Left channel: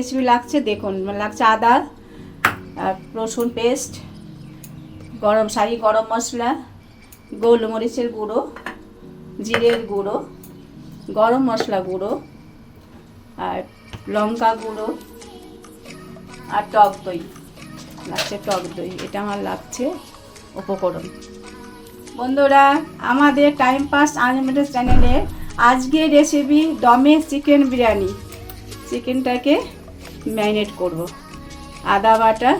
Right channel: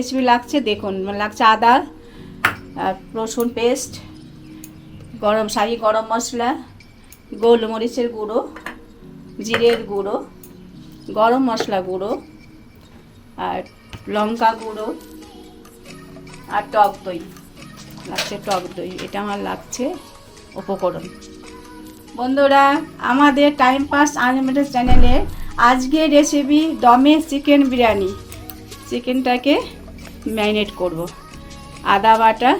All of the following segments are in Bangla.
রেসিপি লাগছে, দেখুন, লাগছে আদা আর রসুন পেস্ট গরম শাহি গরম মশলা, গোলমরিচের গুঁড়ো, জিরের গুঁড়ো, গরম মশলা গুঁড়ো আর লঙ্কা গুঁড়ো আর টক দই। লাগছে টক দই, এটা আমার লাগছে উপকরণ। বন্ধুরা, আমাদের টাইম পাস আনলিমিটেড চ্যানেলে আজকে রেসিপি দমে চিকেন বিরিয়ানি। চিকেনটাকে ম্যারিনেট করব। আদা বাটা,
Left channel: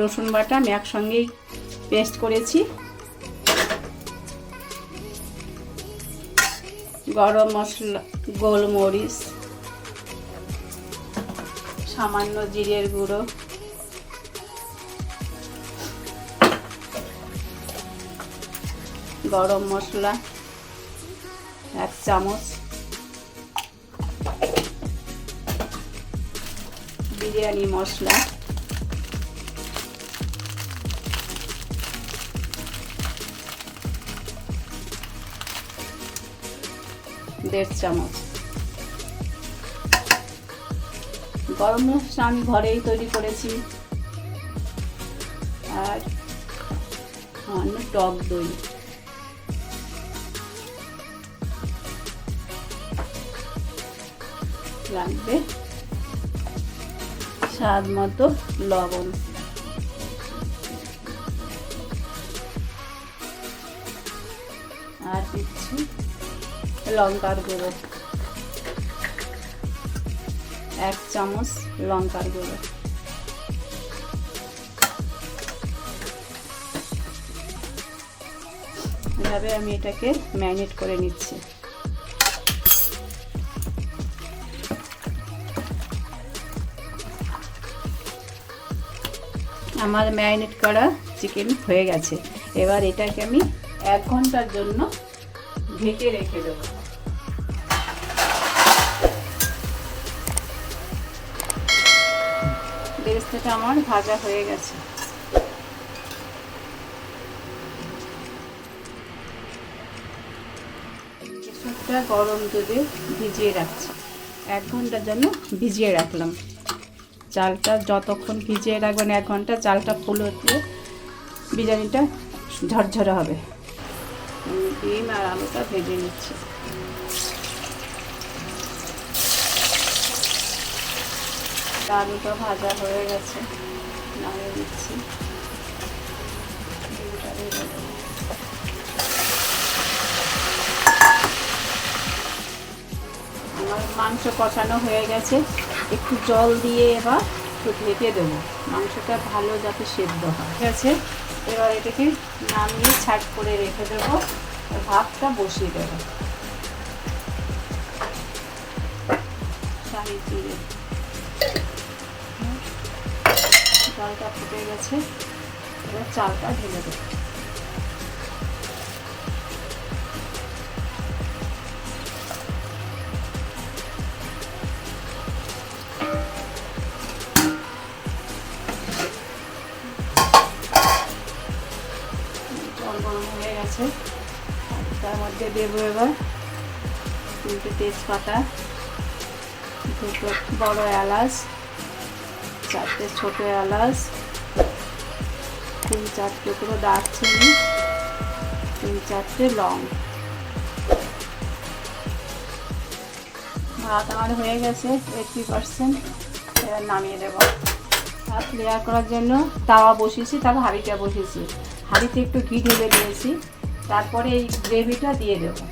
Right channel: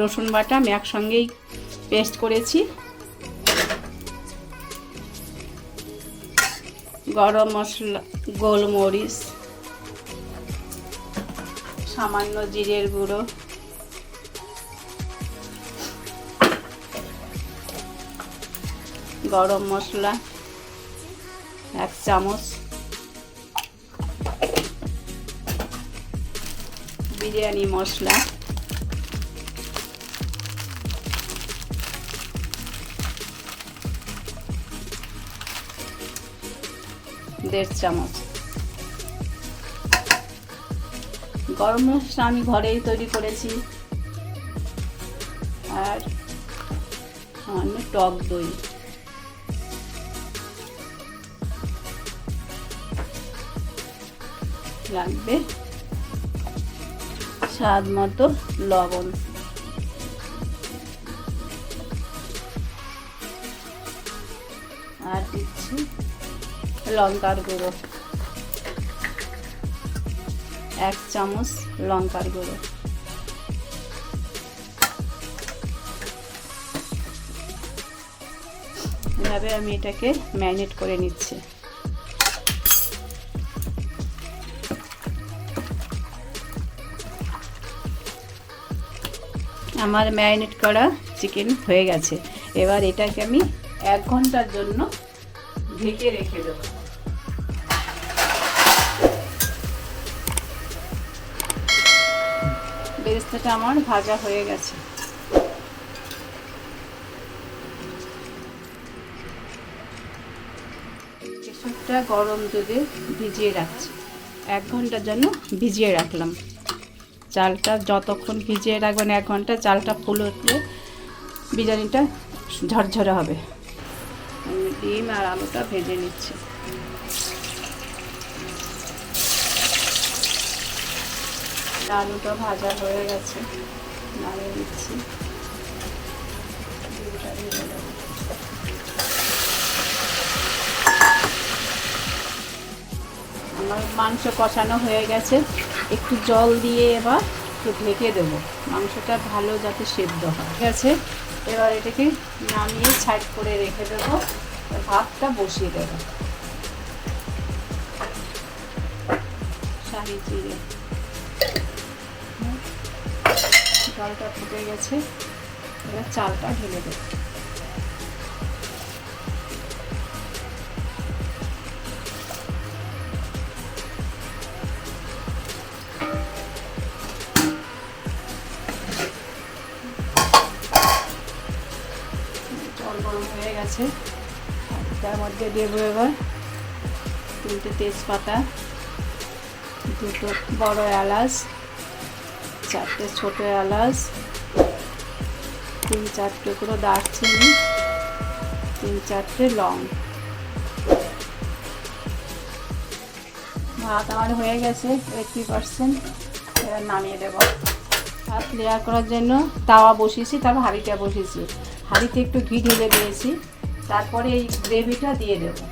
রসুন বাটা আমি একসঙ্গেই পেস্ট করেছি। গরম মশলা, গোলমরিচ, সামান্য জিরের গুঁড়ো। গরম মশলা, এক চামচ। বিরিয়ানি, মশলা। দেড় চামচ। গরম মশলা আমি ঘরেই তৈরি করেছি। আর সামান্য টক দই। লাগবে? স্বাদ মতো লবণ। আর দিচ্ছি লঙ্কার গুঁড়ো। এক চামচ লঙ্কার গুঁড়ো। এভাবে আমি এটাকে ম্যারিনেট করে নিচ্ছি। আমার ম্যারিনেট করা চিকেন হয়ে গেছে। এবার এটাকে আমি এক ঘণ্টার জন্য ঢেকে রেখে দেবো। আমার ভাজা হয়ে গেছে। কেশরটা গরম দুধে ভিজিয়ে রাখছি। এক ঘণ্টার জন্য ভিজিয়ে রাখলাম। চালটা যতক্ষণ ভিজিয়ে রাখবেন এক ঘণ্টা, চালটা ফুল উঠলে বিরিয়ানিটা ঝরঝরে হবে। ডিম আর আলুটা ভেজে নিচ্ছে। আলুটা ভাজা হয়ে গেছে, নামিয়ে দিচ্ছি মাংস কষানো হয়ে গেছে। একটু জল দিয়ে এবার ঢেকে দেবো। মাংসটা ভালো যাতে সেদ্ধ হয়। ঠিক আছে? এবার এটাকে নামিয়ে সাইড করে রেখে দেবো। ভাতটা বসিয়ে দেবো। জলটা ফুটে গেছে। এবার চালটা ঢেলে দেবো। দেবো এবার। তিনটে তেজপাতা, দুটো বড় এলাচ, চারটে ছোটো এলাচ, তিন চারটে পুরো দারচিনি, তিন চারটে লং। ভাত আমার হয়ে গেছে এইটটি পার্সেন্ট এবার নামিয়ে দেবো। ভাত লেয়ার করার জন্য তাওয়া বসিয়েছি তারপর হাঁড়িটা বসিয়েছি। হাঁড়িতে একটু ঘি ঢেলে দিয়েছি। তারপরে এই গ্রেভিটা দিয়ে দেবো।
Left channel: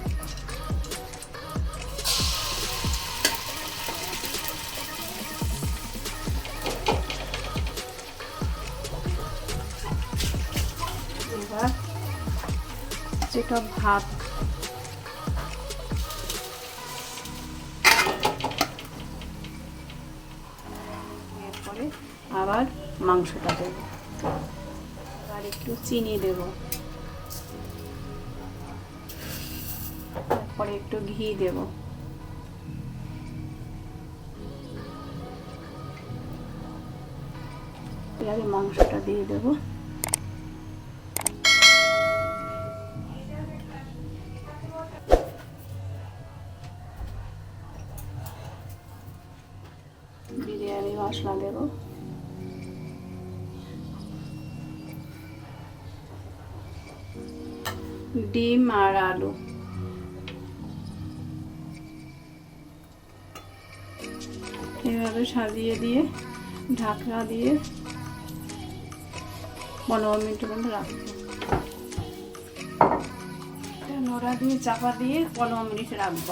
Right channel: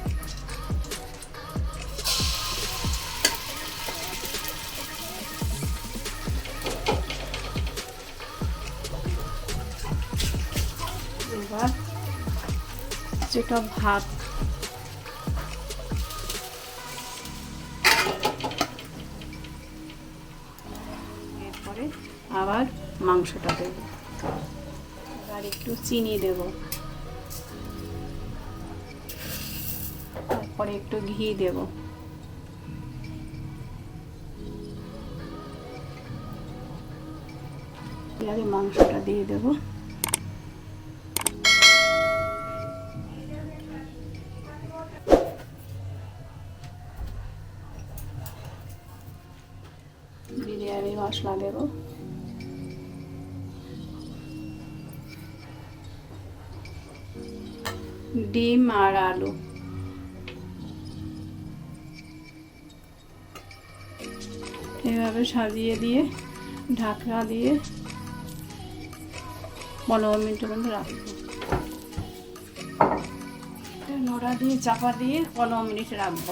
যেটা ভাত। আবার মাংসটা দেবো। আর একটু চিনি দেব। তারপরে একটু ঘি দেব। এবারে মাংসটা দিয়ে দেবো। বিরিয়ানি মশলা দেবো। এভাবে সাজিয়ে দিয়ে, ঢাকনা দিয়ে পনেরো মিনিট পর্যন্ত রাখব নোড়া দিয়ে, চাপা দিয়ে পনেরো মিনিট রাখব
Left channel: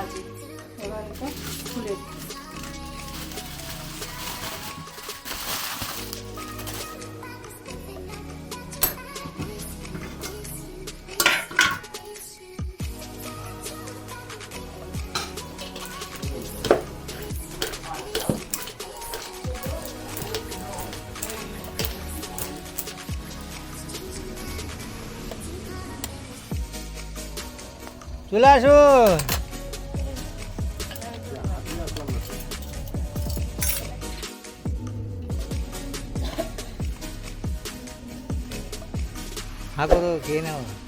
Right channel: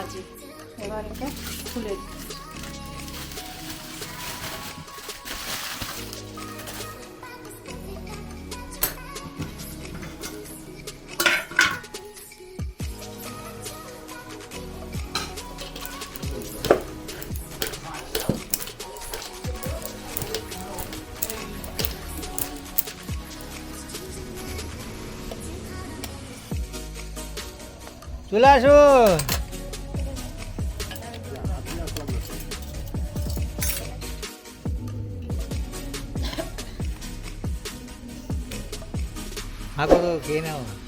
আছে খুলে। ચૂલા શું હા તો કે ના